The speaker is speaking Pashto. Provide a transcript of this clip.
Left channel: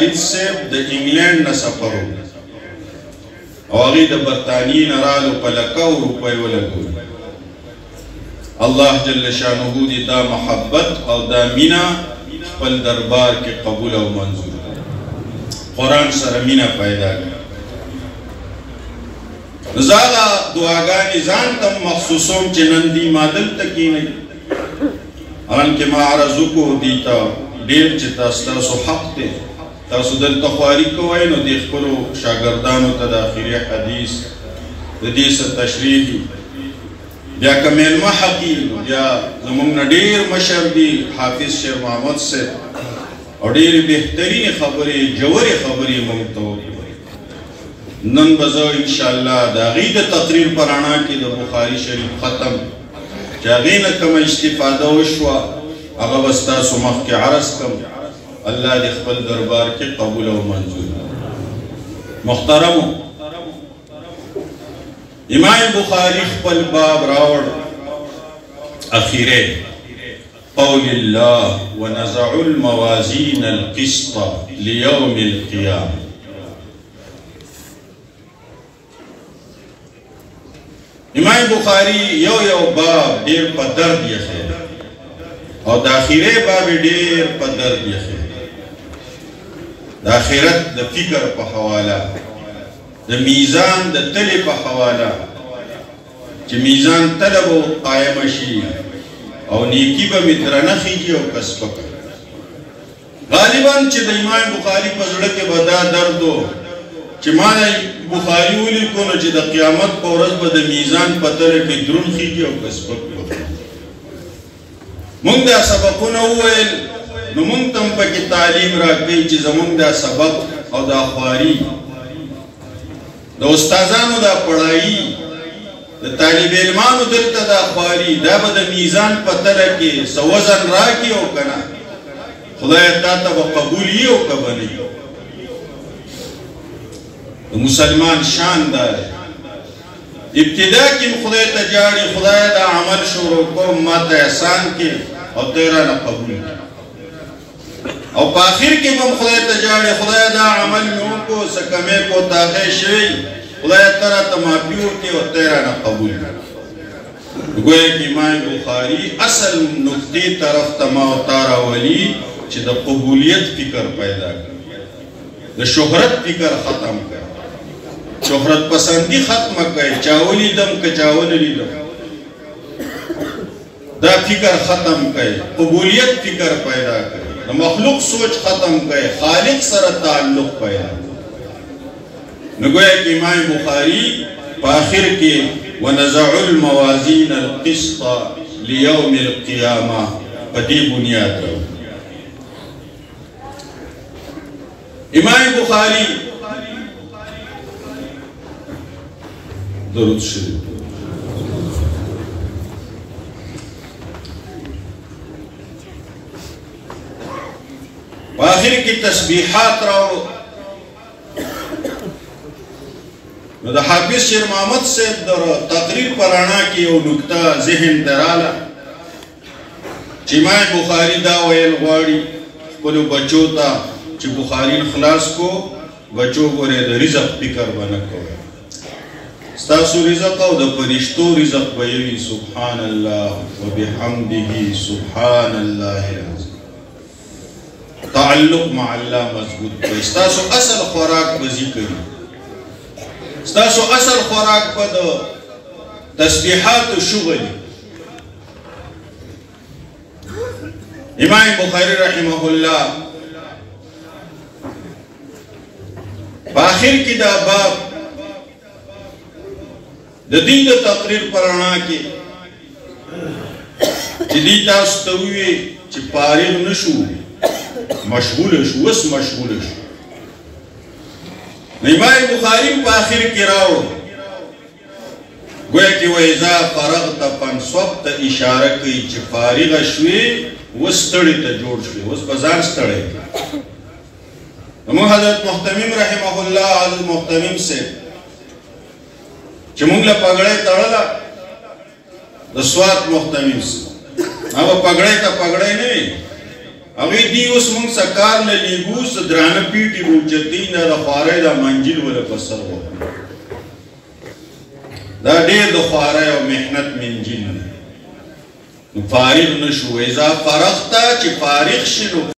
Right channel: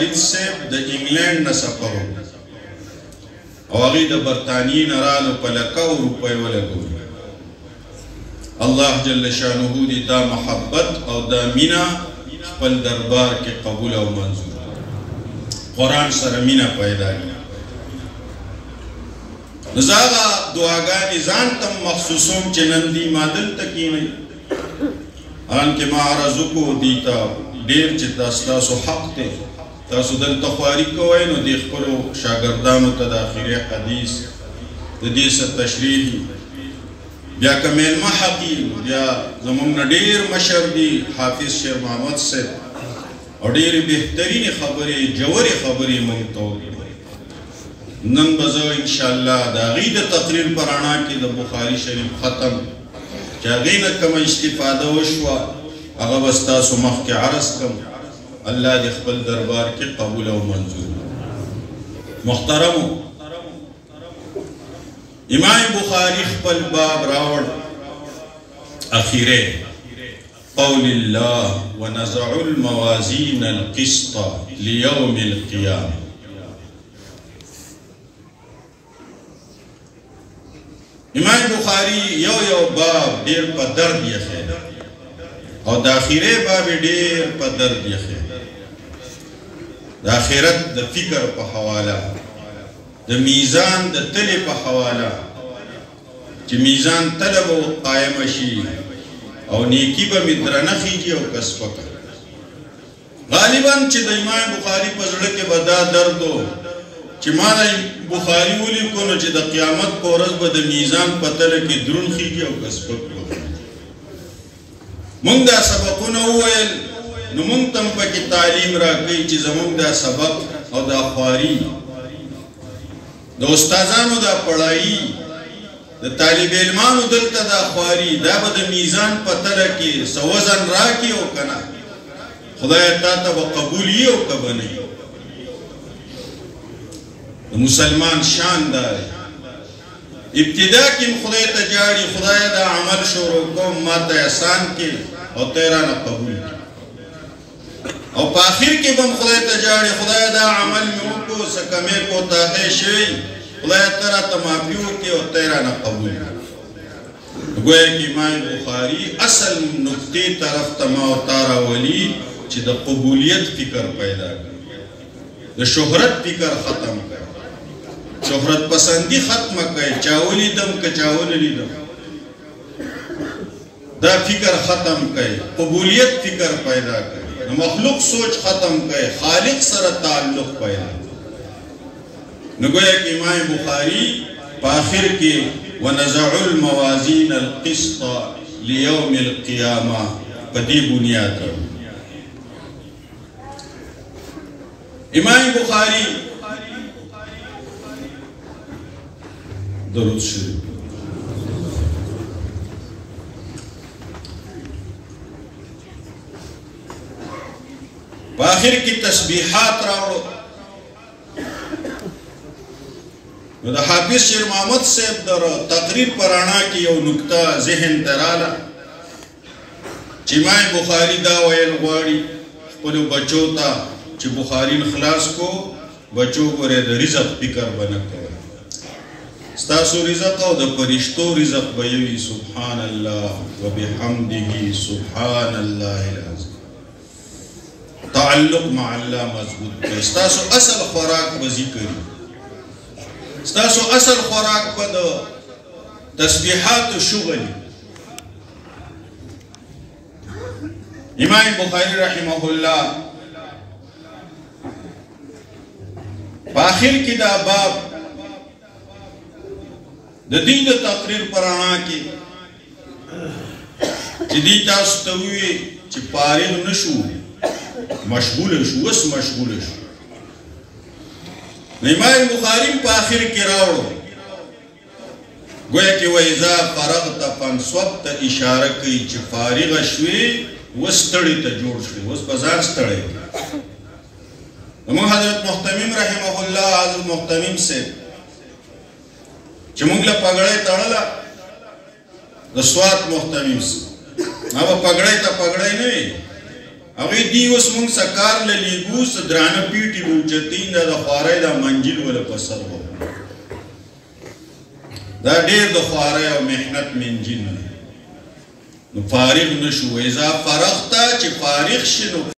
خالد صاحب د انګلند نه سفر او هغه د برطانیې نه رالو په لکو روپۍ ولګول الله جل شانه دې دا محبت او دا مینا خپل دربار کې قبول او منظور قرآن سره مینا پیدا کړي زاغا دعاګانې ځان ته مخصوصوم چې نن دې ما دلته کښېنئ انکه ما عرض وکړو دې ته ډېر چې تاسو حق دی تاسو دلته خواري کوئ نو دې خپلو شاګردانو ته د آخري حدیث د دې څه تشریح بیا که میلمه حقي بیا زموږ نه ډېر مشر دي حافظ شیر محمد صاحب او ډېرې بهترینې خبرې جوړې خبرې موږ ته وکړي نن به زه انشاءالله د هغې د تقریر په رڼا کې د بخاري شریف ختم چې هغې نه کومه استفاده وشوه هغه به ستاسو مخکې عرض کړم الله دې خپل دربار کې قبول او منظور محترمو امام بخاری خپل باب راوړ اخیره قول الله ونزع الموازين القسط ليوم القيامه امام بخاری یو باب ډیر په درد یې خیر او د اخیره باب ډیر په درد یې خیر د آخرت د فکر په حواله د میزان د تلې په حواله چې میزان تله به قایمه شي او نیکي به مې درنه خیږي او که سپکه غالبا چې د امام بخاري په زړه کې به دا درد و چې ما بخاري ولیکو نو چې د قیامت په ورځ به د میزان په تله کې دروند خیږي او که سپک به مونږ دا سبقونه وویل نو مونږ ته هم پکې تعلیم راکوي چې زمونږ دا سبق او دا خواري د استادانو دا پړایي د طالب علمانو دلته دا خواري دا به د میزان په تله کې څه وزن راکړي او که نه خدای تا ته به قبول یي او که به نه یي د مسلمان شان دا دی ابتدا کې خدای ته جاړي خدای دا عمل شروع کوم ما ته احسان کې او ته رانه قبول کړي او په آخر کې به خدای ته جاړي خدای دا عمل مې وکړو څه کمې کوتاهۍ شوي خدای ته راته معافي وکړي او ته رانه قبول کړي گویا کې امام بخاري اصل نقطې طرف ته ما او تا راولي چې د قبولیت فکر پیدا کړي د شهرت فکر ختم کړي شهرت پسندی ختم کړي چا ولیدم که چا ونه لیدم دا فکر ختم کړي قبولیت فکر پیدا کړي مخلوق سوچ ختم کړي خالق سره تعلق پیدا نو گویا کې امام بخاري په آخر کې ونزع الموازین القسط لیوم القیامه په دې بنیاد امام بخاري درود شریف په آخر کې تسبیحات راوړو نو د حافظ شیر محمد صاحب د تقریر په رڼا کې یو نکته ذهن ته راغله چې امام بخاري دا ویل غواړي خپلو بچو ته چې بخاري خلاص کو بچو ګورې د رزق فکر به نه کوئ ستاسو رزق او د فرشتو رزق به وي سبحان الله وبحمده سبحان الله العظیم تعلق مع الله مضبوط کړئ ستاسو اصل خوراک به ذکر وي ستاسو اصل خوراک به د تسبیحاتو شغل امام بخاری رحمه الله په آخر کې دا باب د دین د تقریر پر رڼا کې چې دې تاسو ته ووایي چې فارغ نه شو مشغول شو اوس مشغول شو امام بخاری په آخر کې راوړو گویا کې وایذا فرغت فانصب ته اشاره کوي چې فارغ شوې اوس ستړي ته جوړ شوې اوس په ځان ستړی موږ حضرت محتمم رحمه الله حضرت محتمم سے چې موږ له پګړۍ تړله د سوات محتمم سے هغه پګړۍ ته پګړۍ نه وي هغه دی اوس موږ سکار نه لیږو څه درانه پیټي به اوچتي نه د خوارۍ دا منجیل وله په سر وکړو دا ډېر د خوارۍ او محنت منجیل دی نو فارغ نه شو اذا فرغته چې فارغ شي نو